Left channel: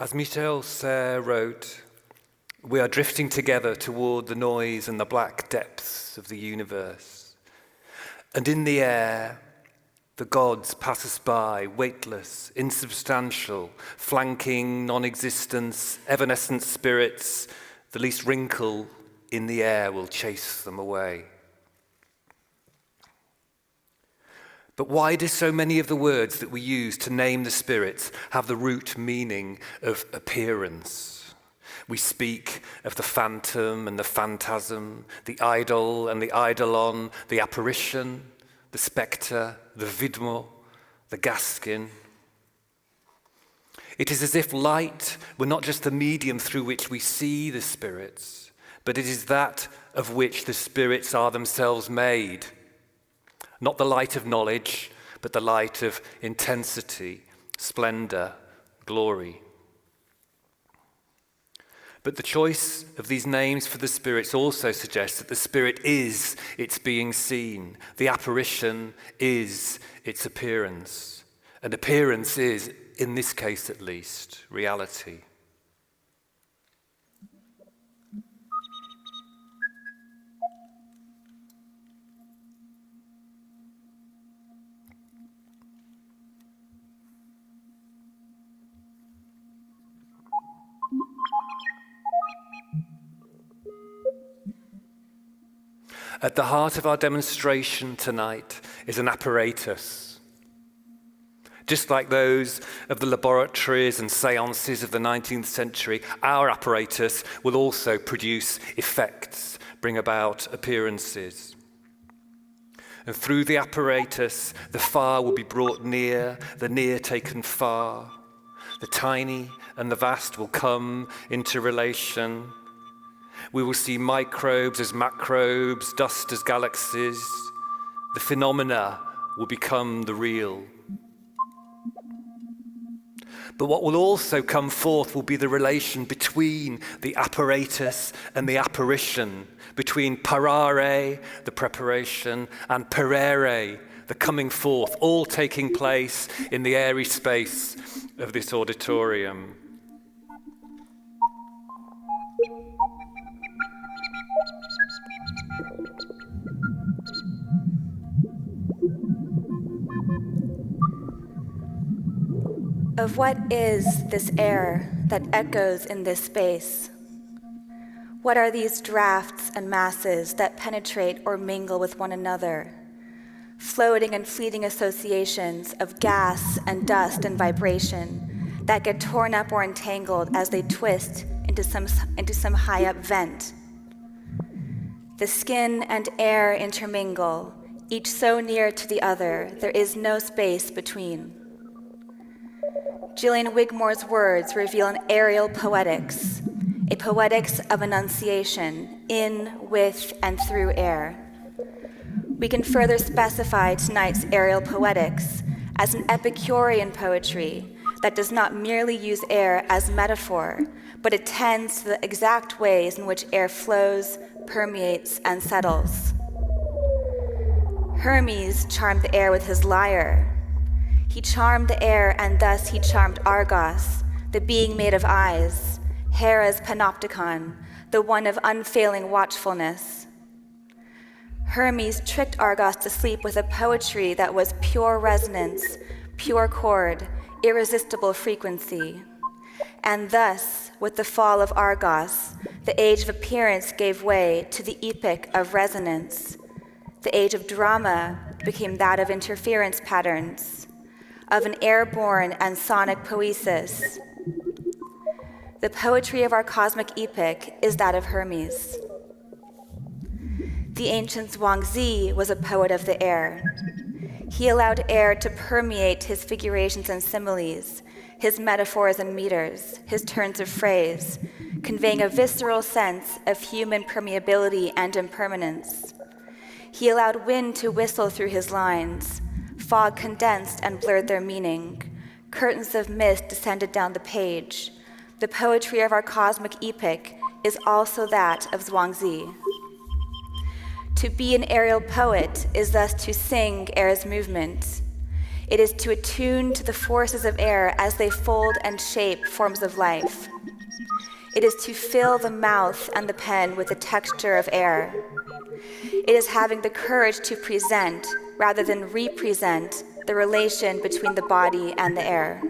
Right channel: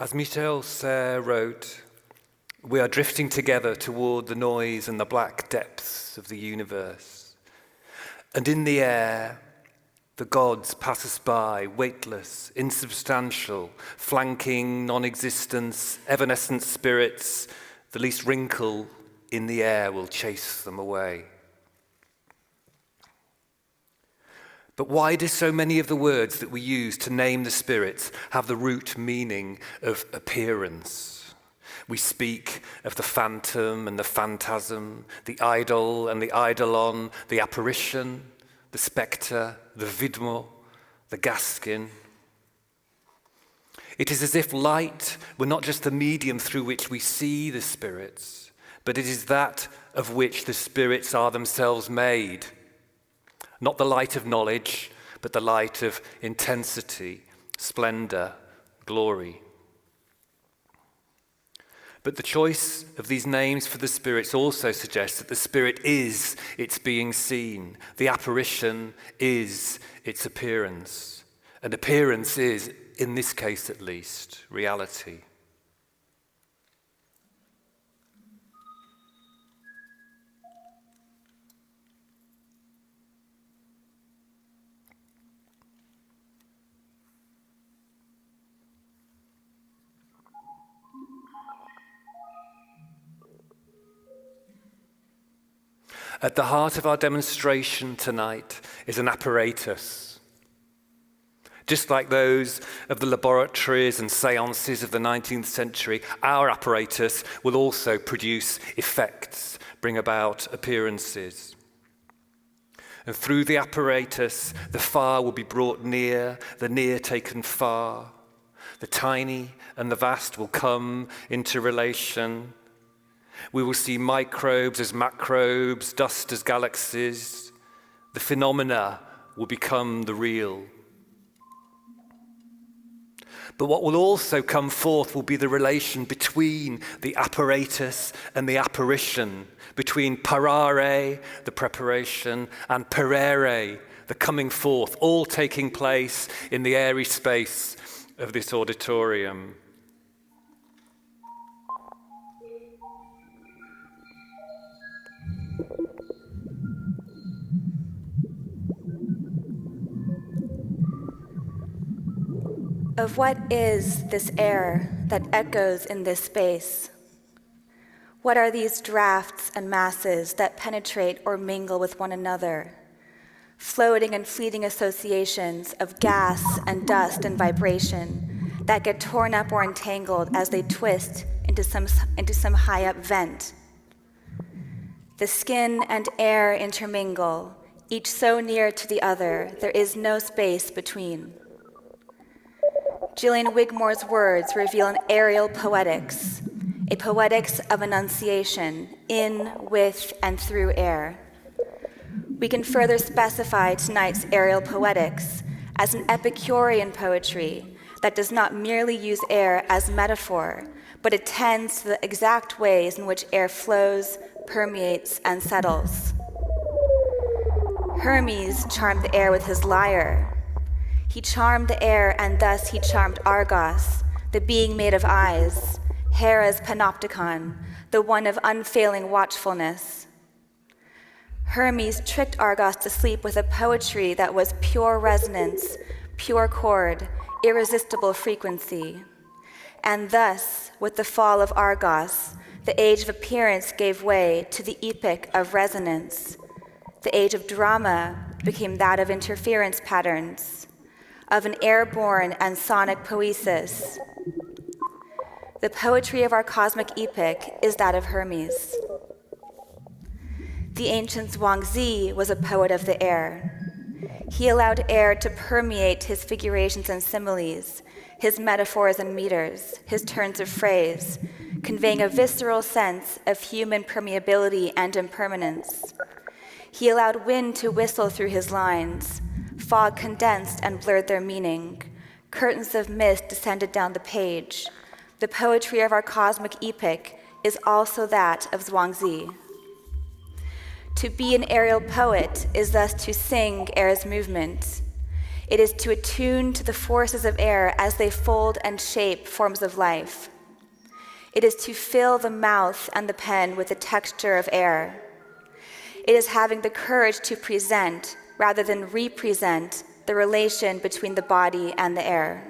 As Michel Serres wrote, we are drifting together toward the noise and the black depths of the universe. And in the air, the gods pass us by, weightless, insubstantial, flanking non-existence, evanescent spirits. The least wrinkle in the air will chase them away. But why do so many of the words that we use to name the spirits have the root meaning of appearance? We speak of the phantom and the phantasm, the idol and the eidolon, the apparition, the spectre, the vidmo, the gaskin. It is as if light were not just the medium through which we see the spirits, but it is that of which the spirits are themselves made. Not the light of knowledge, but the light of intensity, splendor, glory. But the choice of these names for the spirits also suggests that the spirit is its being seen. The apparition is its appearance. And appearance is, in this case at least, reality. At the heart of our demonstration tonight is an apparatus. Just like those of the laboratories and seances of the 19th century, our apparatus will also produce effects, bring about appearances. And through the apparatus, the far will be brought near, the near taken far. The tiny and the vast will come into relation. We will see microbes as macrobes, dust as galaxies. The phenomena will become the real. But what will also come forth will be the relation between the apparatus and the apparition, between parare, the preparation, and perere, the coming forth, all taking place in the airy space of this auditorium. Of what is this air that echoes in this space? What are these drafts and masses that penetrate or mingle with one another? Floating and fleeting associations of gas and dust and vibration that get torn up or entangled as they twist into some high-up vent. The skin and air intermingle, each so near to the other, there is no space between. Gillian Wigmore's words reveal an aerial poetics, a poetics of enunciation in, with, and through air. We can further specify tonight's aerial poetics as an Epicurean poetry that does not merely use air as metaphor, but attends to the exact ways in which air flows, permeates, and settles. Hermes charmed the air with his lyre. He charmed the air, and thus he charmed Argos, the being made of eyes, Hera's panopticon, the one of unfailing watchfulness. Hermes tricked Argos to sleep with a poetry that was pure resonance, pure chord, irresistible frequency. And thus, with the fall of Argos, the age of appearance gave way to the epoch of resonance. The age of drama became that of interference patterns, of an airborne and sonic poesis. The poetry of our cosmic epoch is that of Hermes. The ancient Zhuangzi was a poet of the air. He allowed air to permeate his figurations and similes, his metaphors and meters, his turns of phrase, conveying a visceral sense of human permeability and impermanence. He allowed wind to whistle through his lines. Fog condensed and blurred their meaning. Curtains of mist descended down the page. The poetry of our cosmic epoch is also that of Zhuangzi. To be an aerial poet is thus to sing air's movement. It is to attune to the forces of air as they fold and shape forms of life. It is to fill the mouth and the pen with the texture of air. It is having the courage to present, rather than represent, the relation between the body and the air.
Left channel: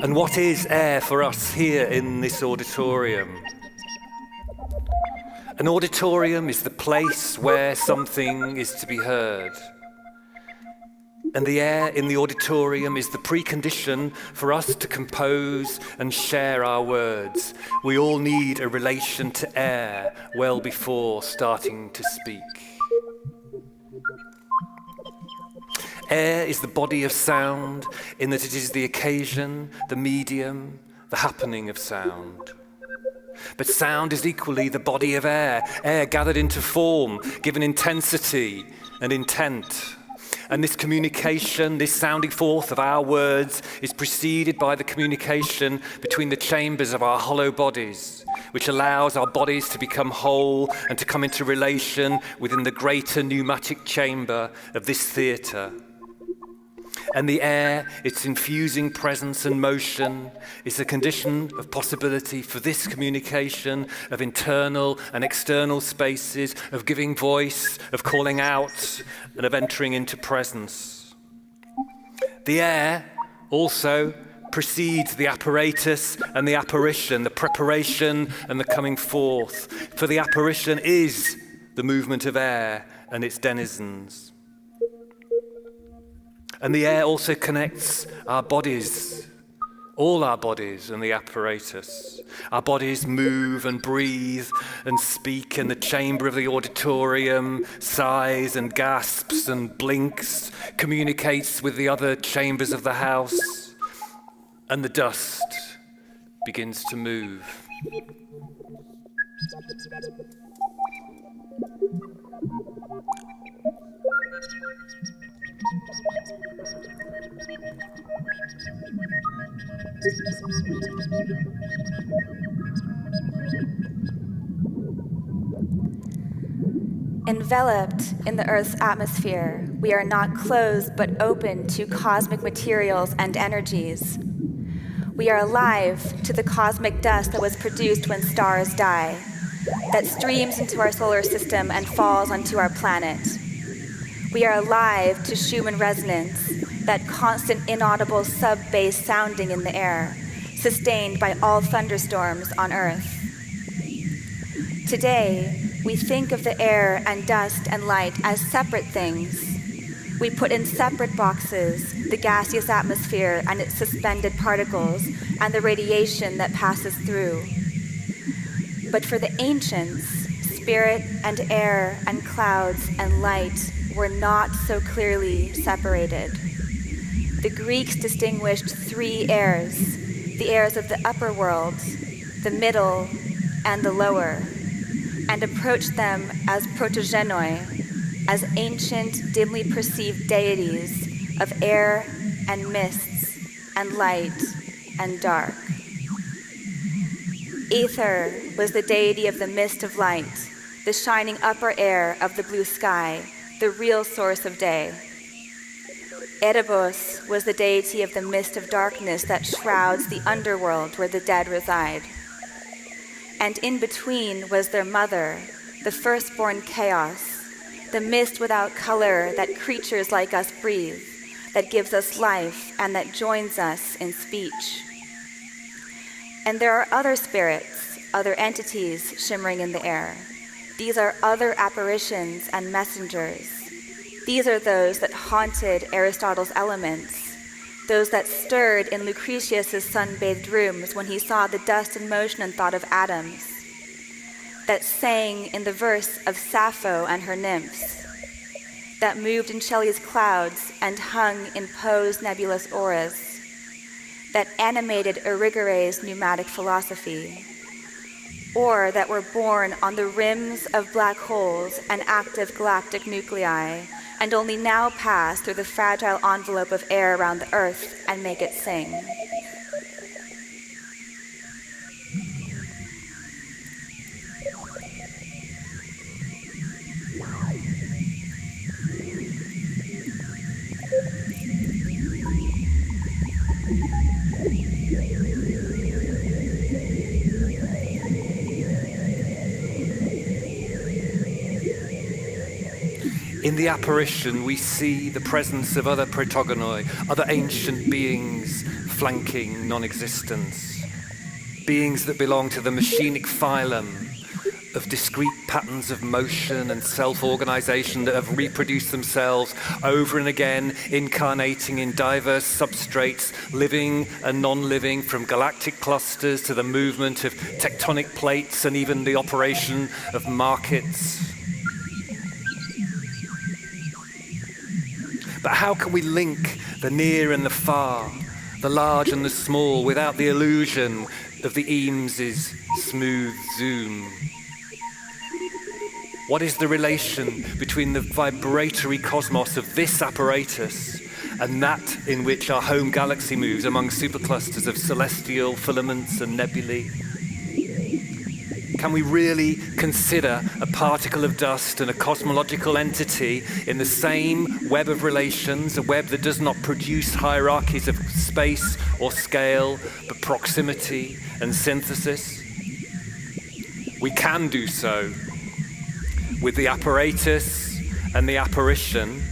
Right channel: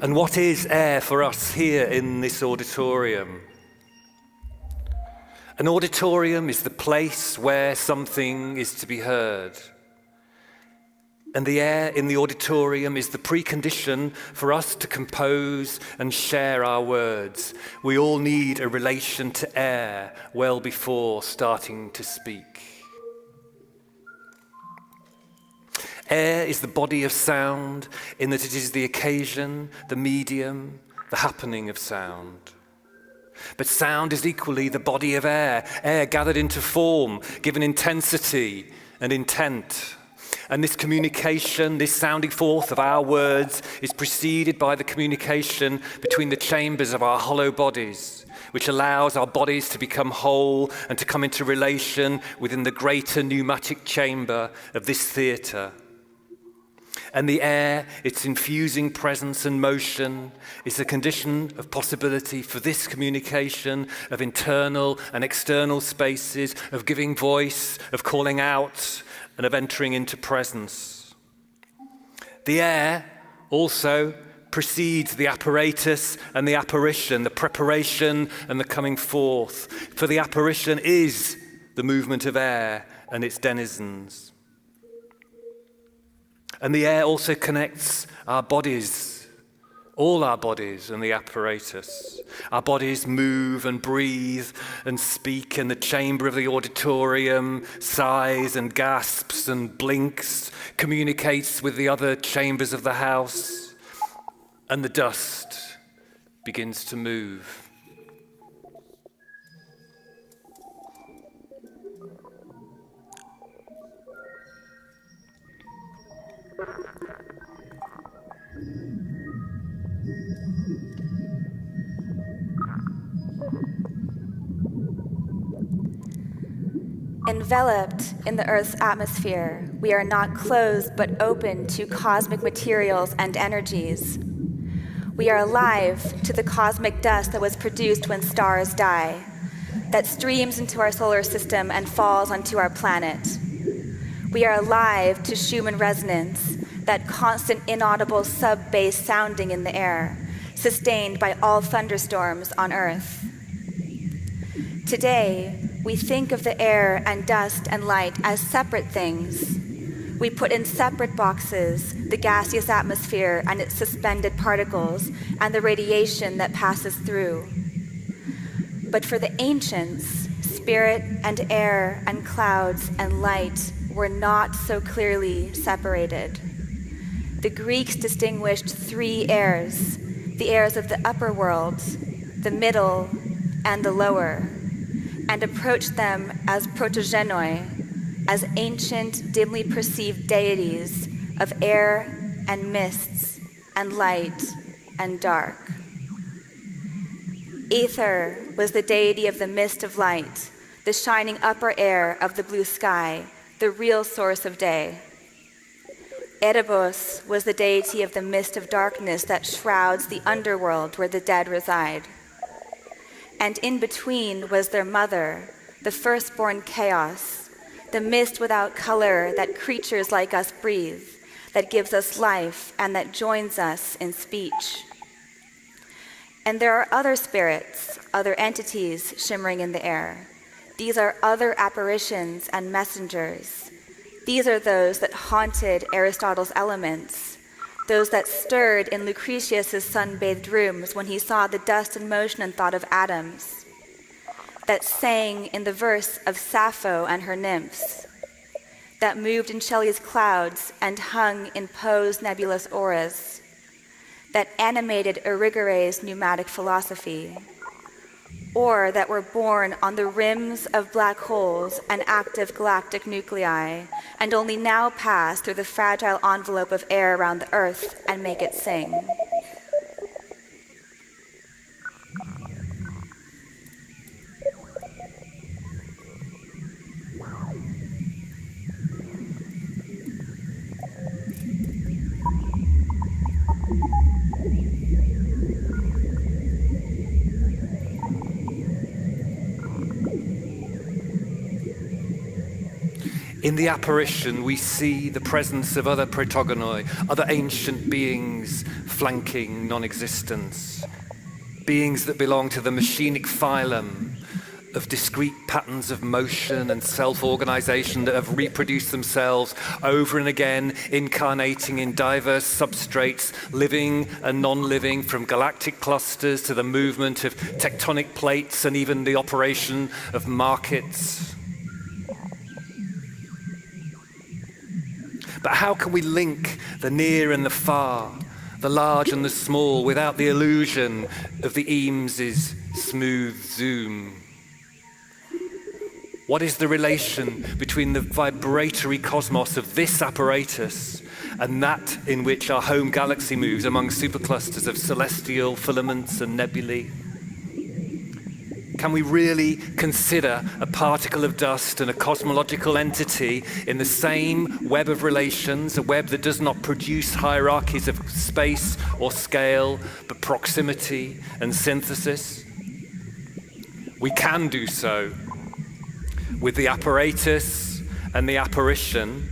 And what is air for us here in this auditorium? An auditorium is the place where something is to be heard. And the air in the auditorium is the precondition for us to compose and share our words. We all need a relation to air well before starting to speak. Air is the body of sound in that it is the occasion, the medium, the happening of sound. But sound is equally the body of air, air gathered into form, given intensity and intent. And this communication, this sounding forth of our words is preceded by the communication between the chambers of our hollow bodies, which allows our bodies to become whole and to come into relation within the greater pneumatic chamber of this theatre. And the air, its infusing presence and motion, is a condition of possibility for this communication of internal and external spaces, of giving voice, of calling out, and of entering into presence. The air also precedes the apparatus and the apparition, the preparation and the coming forth. For the apparition is the movement of air and its denizens. And the air also connects our bodies, all our bodies and the apparatus. Our bodies move and breathe and speak in the chamber of the auditorium, sighs and gasps and blinks, communicates with the other chambers of the house, and the dust begins to move. Enveloped in the Earth's atmosphere, we are not closed but open to cosmic materials and energies. We are alive to the cosmic dust that was produced when stars die, that streams into our solar system and falls onto our planet. We are alive to Schumann resonance, that constant inaudible sub-bass sounding in the air, sustained by all thunderstorms on Earth. Today, we think of the air and dust and light as separate things. We put in separate boxes the gaseous atmosphere and its suspended particles and the radiation that passes through. But for the ancients, spirit and air and clouds and light were not so clearly separated. The Greeks distinguished three airs, the airs of the upper world, the middle, and the lower, and approached them as protogenoi, as ancient, dimly perceived deities of air and mists and light and dark. Ether was the deity of the mist of light, the shining upper air of the blue sky, the real source of day. Erebos was the deity of the mist of darkness that shrouds the underworld where the dead reside. And in between was their mother, the firstborn chaos, the mist without color that creatures like us breathe, that gives us life and that joins us in speech. And there are other spirits, other entities shimmering in the air. These are other apparitions and messengers. These are those that haunted Aristotle's Elements, those that stirred in Lucretius's sun-bathed rooms when he saw the dust and motion and thought of atoms, that sang in the verse of Sappho and her nymphs, that moved in Shelley's clouds and hung in Poe's nebulous auras, that animated Irigary's pneumatic philosophy, or that were born on the rims of black holes and active galactic nuclei, and only now pass through the fragile envelope of air around the Earth and make it sing. In the apparition, we see the presence of other protogonoi, other ancient beings flanking non-existence, beings that belong to the machinic phylum of discrete patterns of motion and self-organization that have reproduced themselves over and again, incarnating in diverse substrates, living and non-living, from galactic clusters to the movement of tectonic plates and even the operation of markets. But how can we link the near and the far, the large and the small, without the illusion of the Eames's smooth zoom? What is the relation between the vibratory cosmos of this apparatus and that in which our home galaxy moves among superclusters of celestial filaments and nebulae? Can we really consider a particle of dust and a cosmological entity in the same web of relations, a web that does not produce hierarchies of space or scale, but proximity and synthesis? We can do so with the apparatus and the apparition,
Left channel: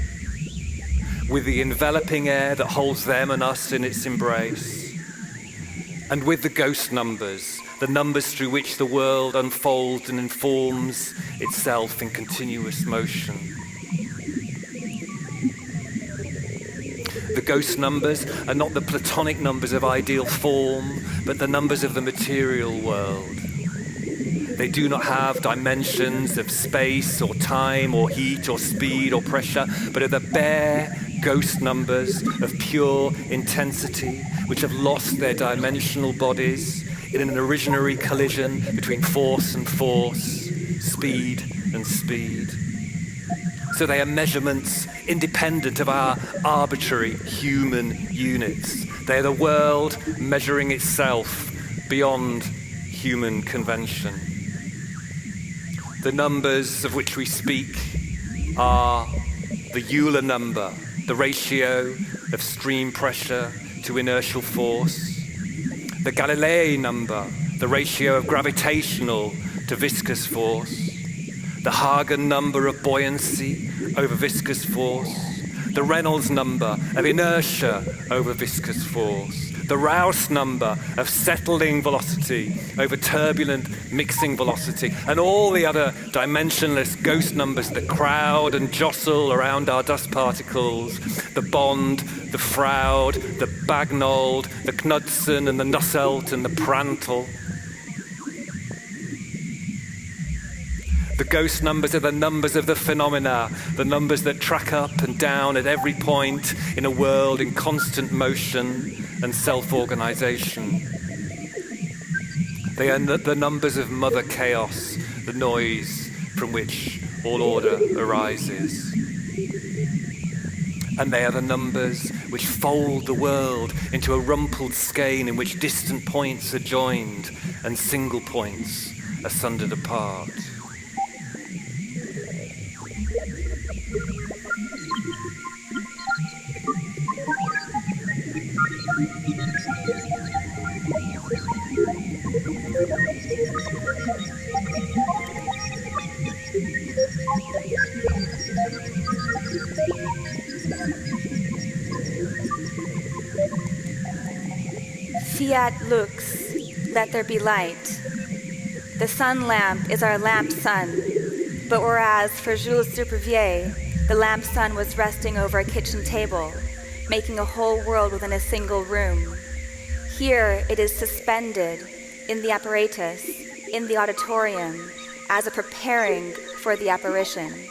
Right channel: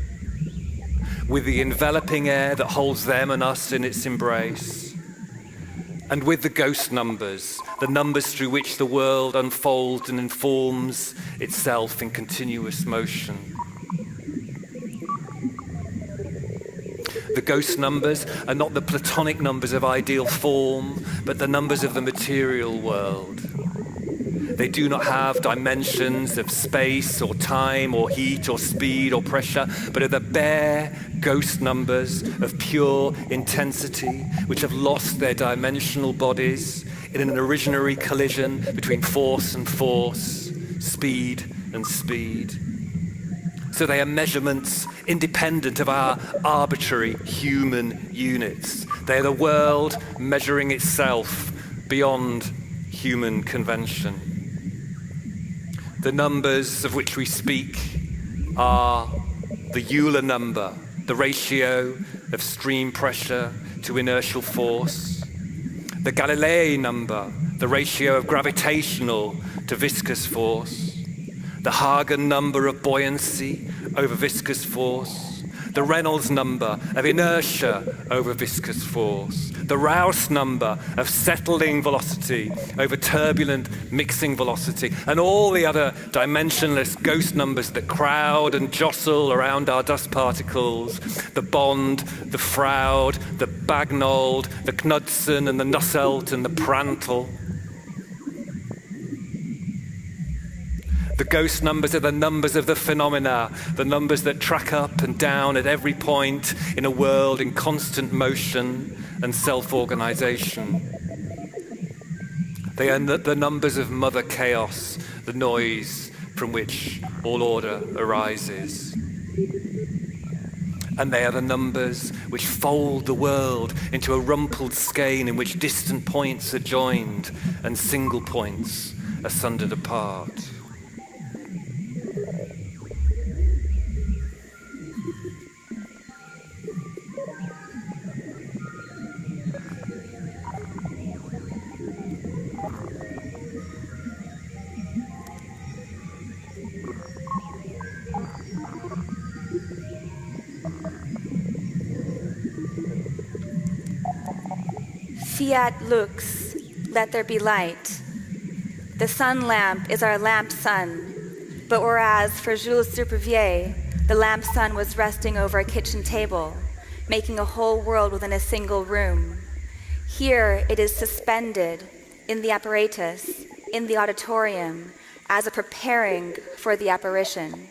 with the enveloping air that holds them and us in its embrace, and with the ghost numbers, the numbers through which the world unfolds and informs itself in continuous motion. The ghost numbers are not the Platonic numbers of ideal form, but the numbers of the material world. They do not have dimensions of space or time or heat or speed or pressure, but are the bare ghost numbers of pure intensity, which have lost their dimensional bodies in an originary collision between force and force, speed and speed. So they are measurements independent of our arbitrary human units. They are the world measuring itself beyond human convention. The numbers of which we speak are the Euler number, the ratio of stream pressure to inertial force, the Galilei number, the ratio of gravitational to viscous force, the Hagen number of buoyancy over viscous force, the Reynolds number of inertia over viscous force, the Rouse number of settling velocity over turbulent mixing velocity, and all the other dimensionless ghost numbers that crowd and jostle around our dust particles, the Bond, the Froude, the Bagnold, the Knudsen and the Nusselt and the Prandtl. The ghost numbers are the numbers of the phenomena, the numbers that track up and down at every point in a world in constant motion and self-organization. They are the numbers of Mother Chaos, the noise from which all order arises. And they are the numbers which fold the world into a rumpled skein in which distant points are joined and single points are sundered apart. Fiat lux, let there be light. The sun lamp is our lamp sun, but whereas for Jules Supervielle, the lamp sun was resting over a kitchen table, making a whole world within a single room, here it is suspended in the apparatus, in the auditorium, as a preparing for the apparition.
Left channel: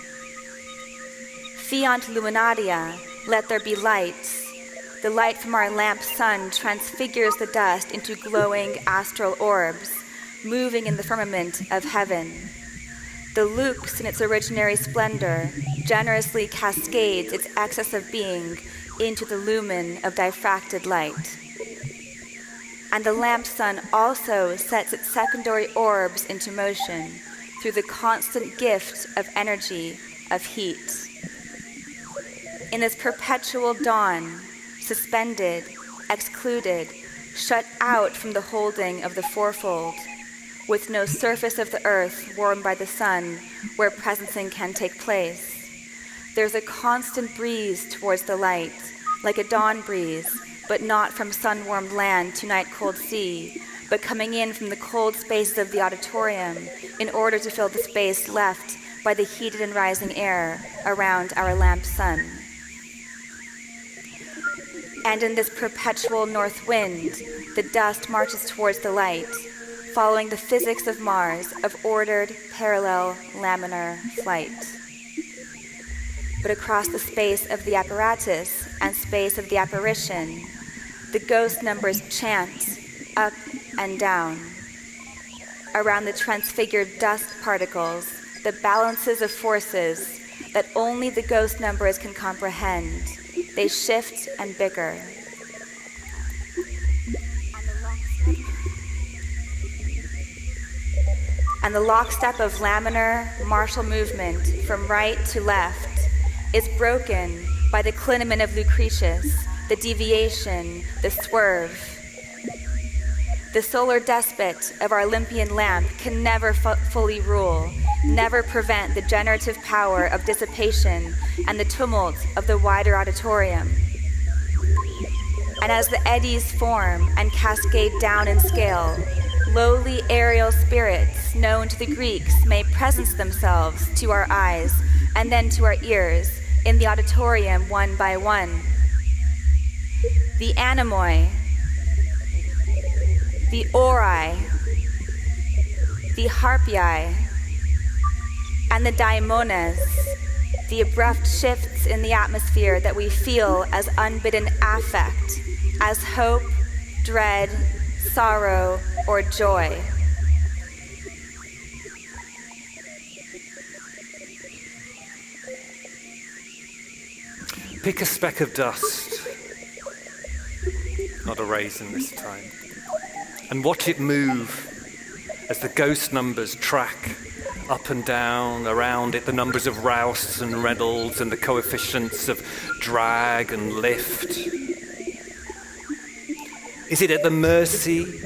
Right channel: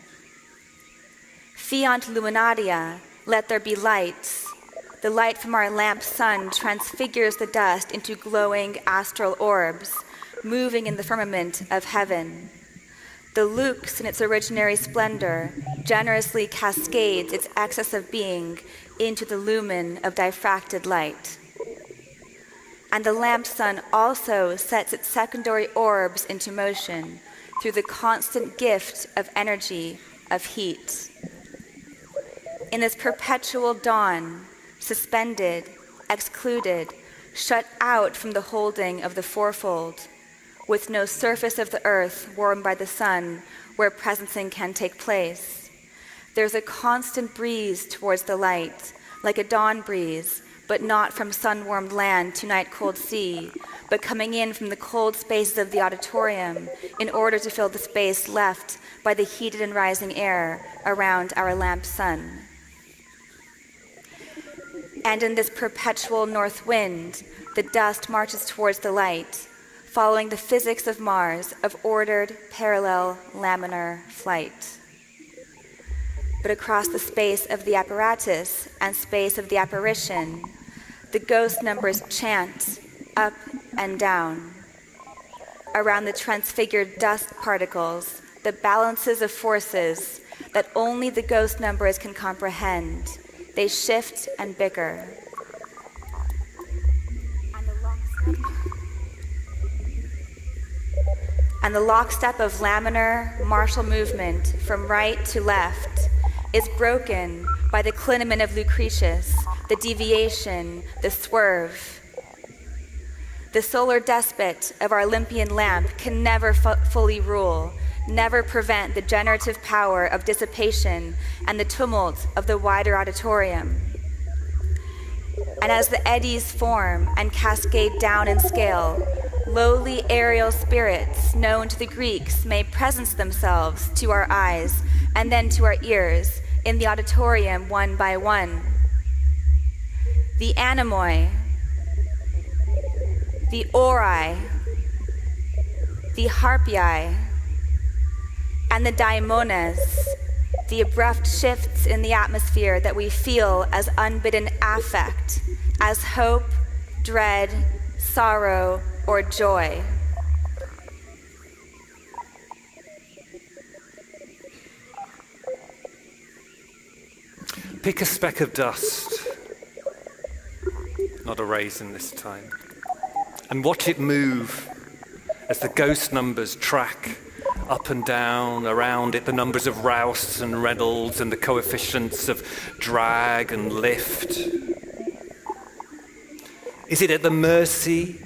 Fiant luminaria, let there be lights. The light from our lamp sun transfigures the dust into glowing astral orbs, moving in the firmament of heaven. The lux in its originary splendor generously cascades its excess of being into the lumen of diffracted light. And the lamp sun also sets its secondary orbs into motion through the constant gift of energy, of heat. In this perpetual dawn, suspended, excluded, shut out from the holding of the fourfold, with no surface of the earth warmed by the sun where presencing can take place, there's a constant breeze towards the light, like a dawn breeze, but not from sun-warmed land to night-cold sea, but coming in from the cold spaces of the auditorium in order to fill the space left by the heated and rising air around our lamp sun. And in this perpetual north wind, the dust marches towards the light, following the physics of Mars of ordered, parallel, laminar flight. But across the space of the apparatus and space of the apparition, the ghost numbers chant up and down. Around the transfigured dust particles, the balances of forces that only the ghost numbers can comprehend, they shift and bicker. And the lockstep of laminar, martial movement from right to left is broken by the clinamen of Lucretius, the deviation, the swerve. The solar despot of our Olympian lamp can never fully rule, never prevent the generative power of dissipation and the tumult of the wider auditorium. And as the eddies form and cascade down in scale, lowly aerial spirits known to the Greeks may presence themselves to our eyes and then to our ears in the auditorium one by one. The anemoi, the ori, the harpii, and the daimones, the abrupt shifts in the atmosphere that we feel as unbidden affect, as hope, dread, sorrow, or joy. Pick a speck of dust, not a raisin this time, and watch it move as the ghost numbers track up and down around it, the numbers of Rouse and Reynolds and the coefficients of drag and lift. Is it at the mercy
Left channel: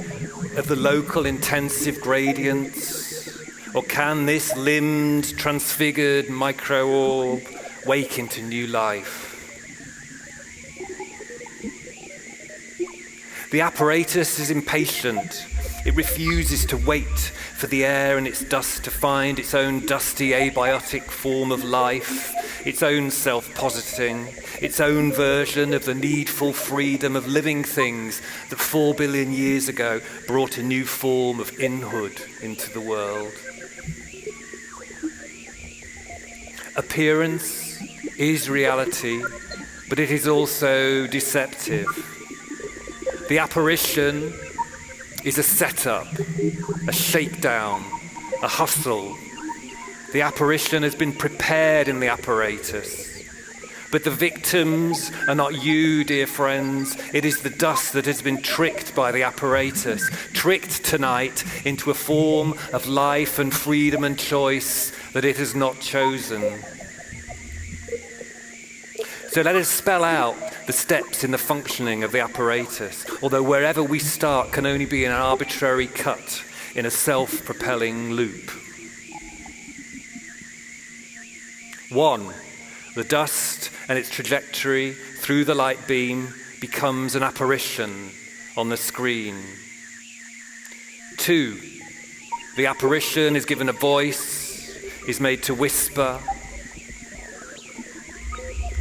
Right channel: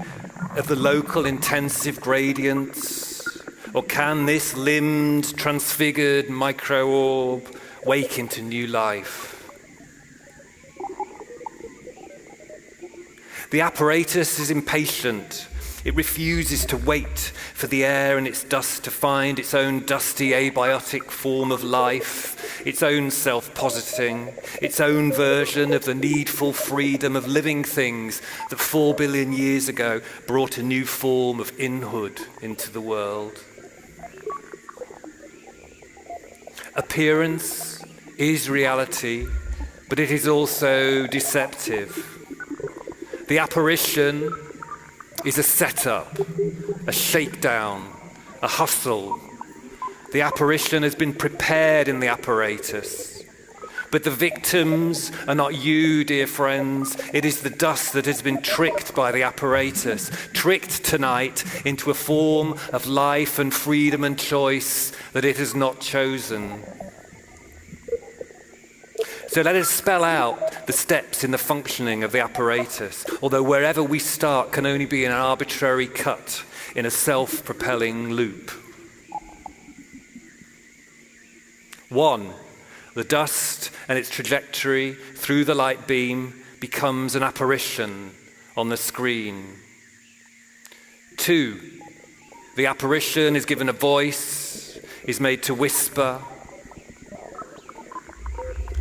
of the local intensive gradients, or can this limbed, transfigured micro-orb wake into new life? The apparatus is impatient. It refuses to wait for the air and its dust to find its own dusty abiotic form of life, its own self-positing, its own version of the needful freedom of living things that 4 billion years ago brought a new form of inhood into the world. Appearance is reality, but it is also deceptive. The apparition is a setup, a shakedown, a hustle. The apparition has been prepared in the apparatus. But the victims are not you, dear friends. It is the dust that has been tricked by the apparatus, tricked tonight into a form of life and freedom and choice that it has not chosen. So let us spell out the steps in the functioning of the apparatus, although wherever we start can only be an arbitrary cut in a self-propelling loop. 1, the dust and its trajectory through the light beam becomes an apparition on the screen. 2, the apparition is given a voice, is made to whisper.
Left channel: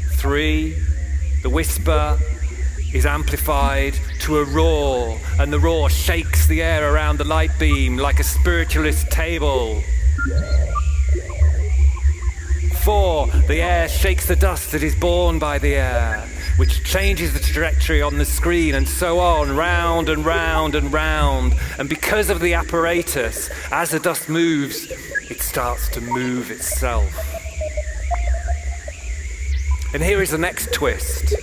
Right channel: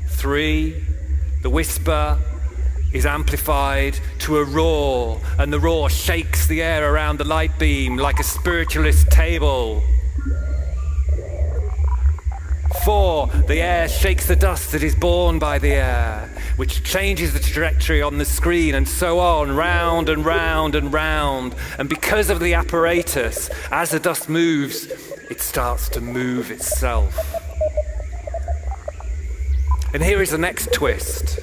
3, the whisper is amplified to a roar, and the roar shakes the air around the light beam like a spiritualist table. 4, the air shakes the dust that is born by the air. which changes the trajectory on the screen, and so on, round and round and round. And because of the apparatus, as the dust moves, it starts to move itself. And here is the next twist.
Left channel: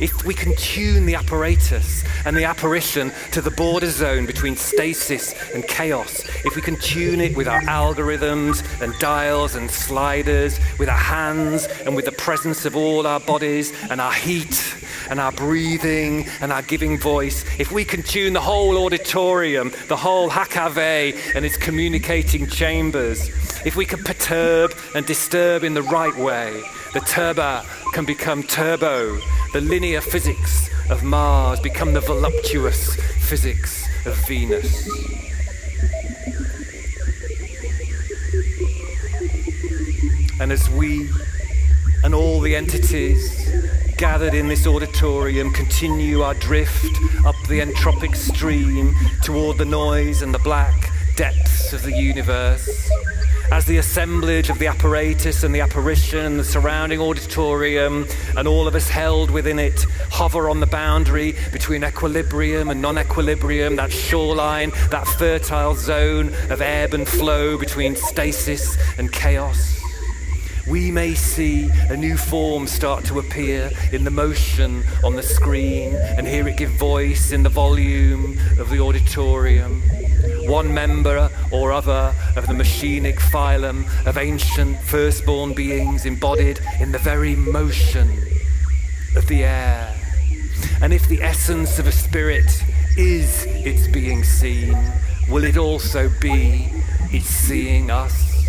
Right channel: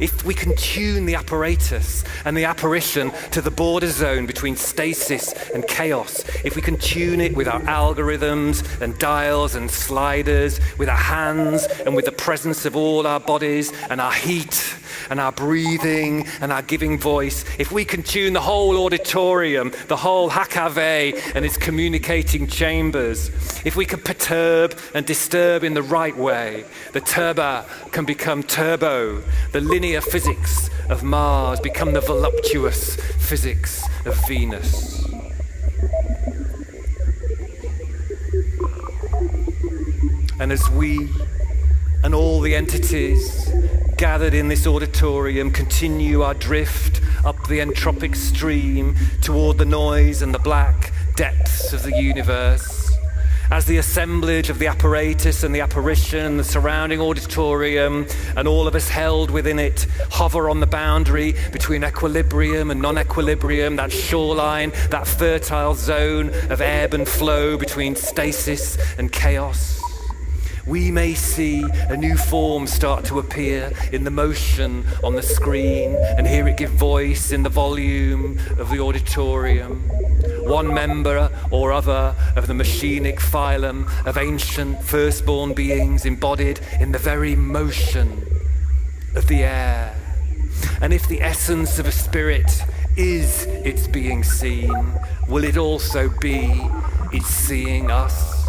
If we can tune the apparatus and the apparition to the border zone between stasis and chaos, if we can tune it with our algorithms and dials and sliders, with our hands and with the presence of all our bodies and our heat and our breathing and our giving voice, if we can tune the whole auditorium, the whole HKV and its communicating chambers, if we can perturb and disturb in the right way, the turba can become turbo, the linear physics of Mars become the voluptuous physics of Venus. And as we and all the entities gathered in this auditorium continue our drift up the entropic stream toward the noise and the black depths of the universe, as the assemblage of the apparatus and the apparition and the surrounding auditorium and all of us held within it hover on the boundary between equilibrium and non-equilibrium, that shoreline, that fertile zone of ebb and flow between stasis and chaos, we may see a new form start to appear in the motion on the screen and hear it give voice in the volume of the auditorium. One member or other of the machinic phylum of ancient firstborn beings embodied in the very motion of the air. And if the essence of a spirit is its being seen, will it also be its seeing us?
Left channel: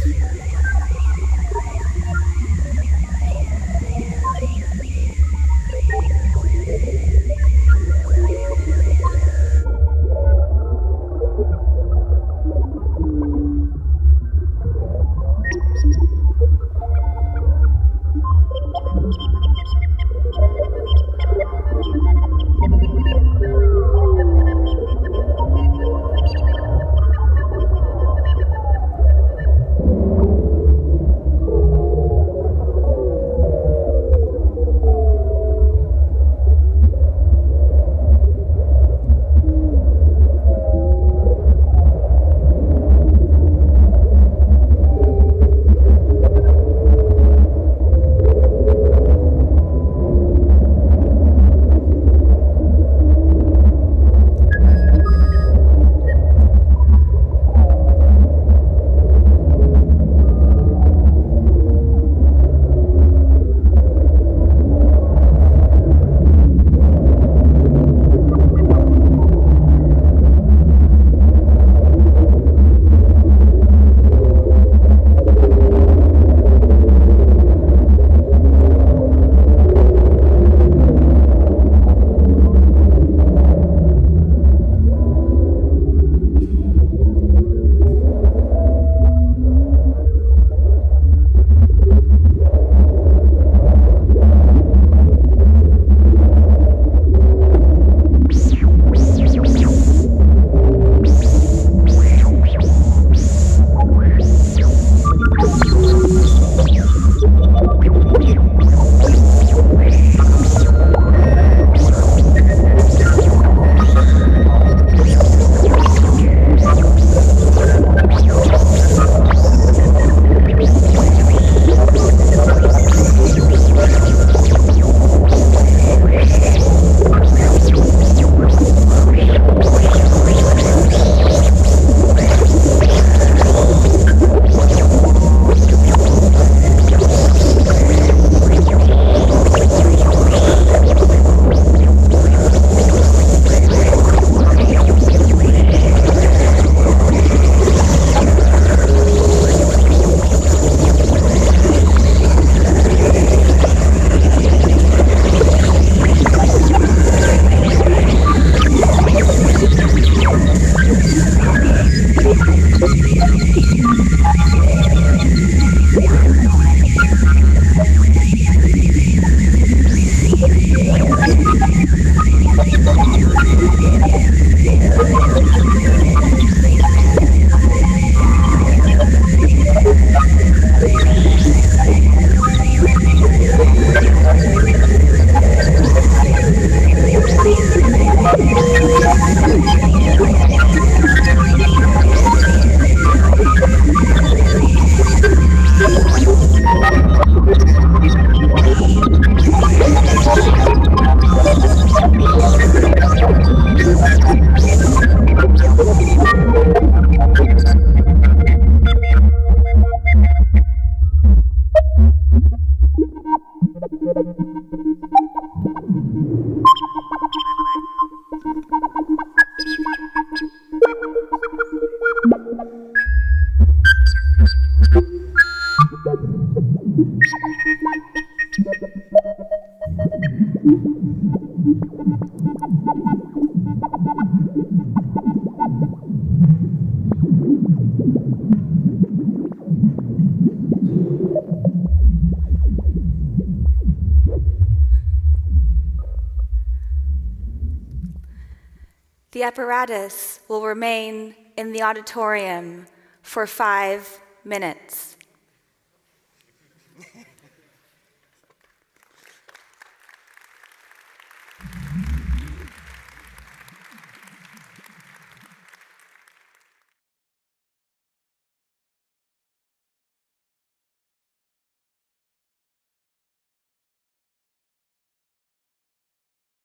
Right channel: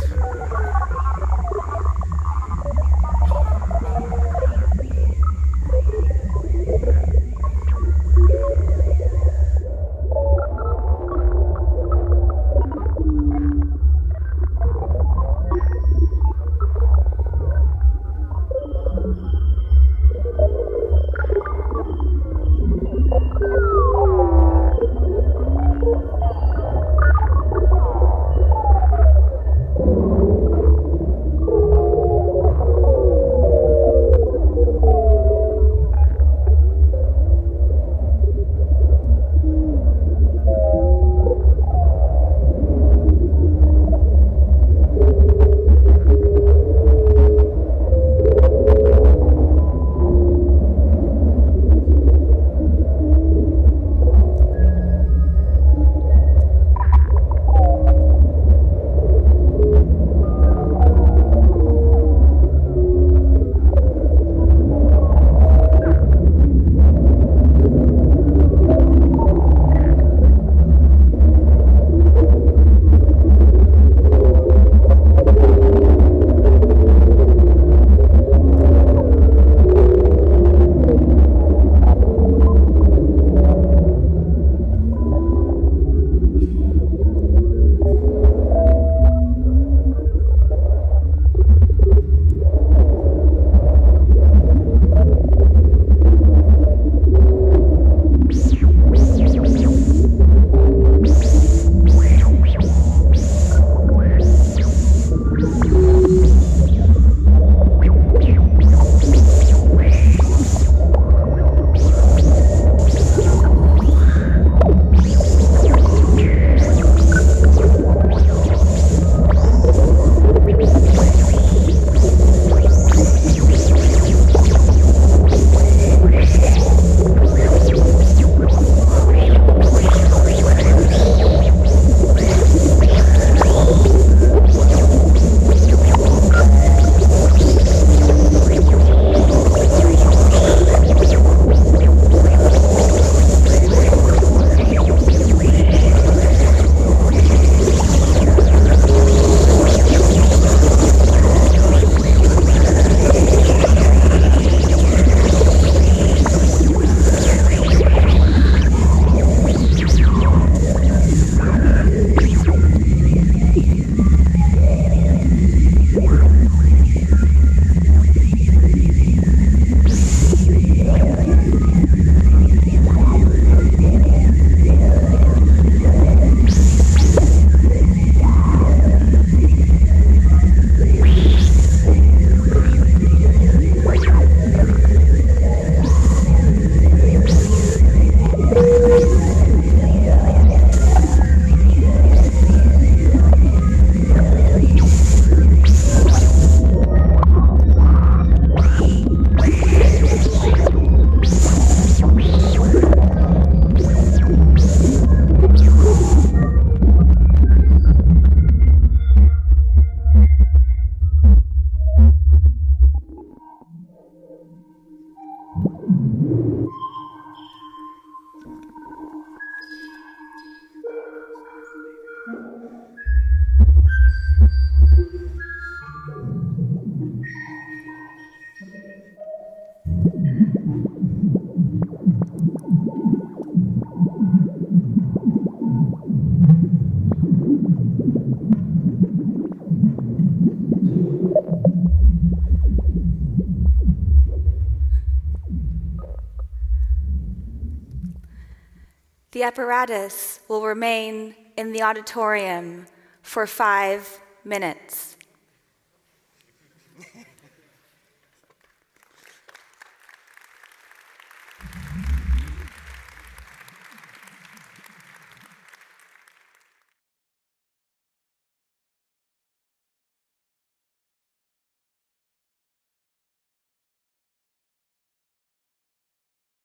The apparatus will remain in the auditorium for 5 minutes.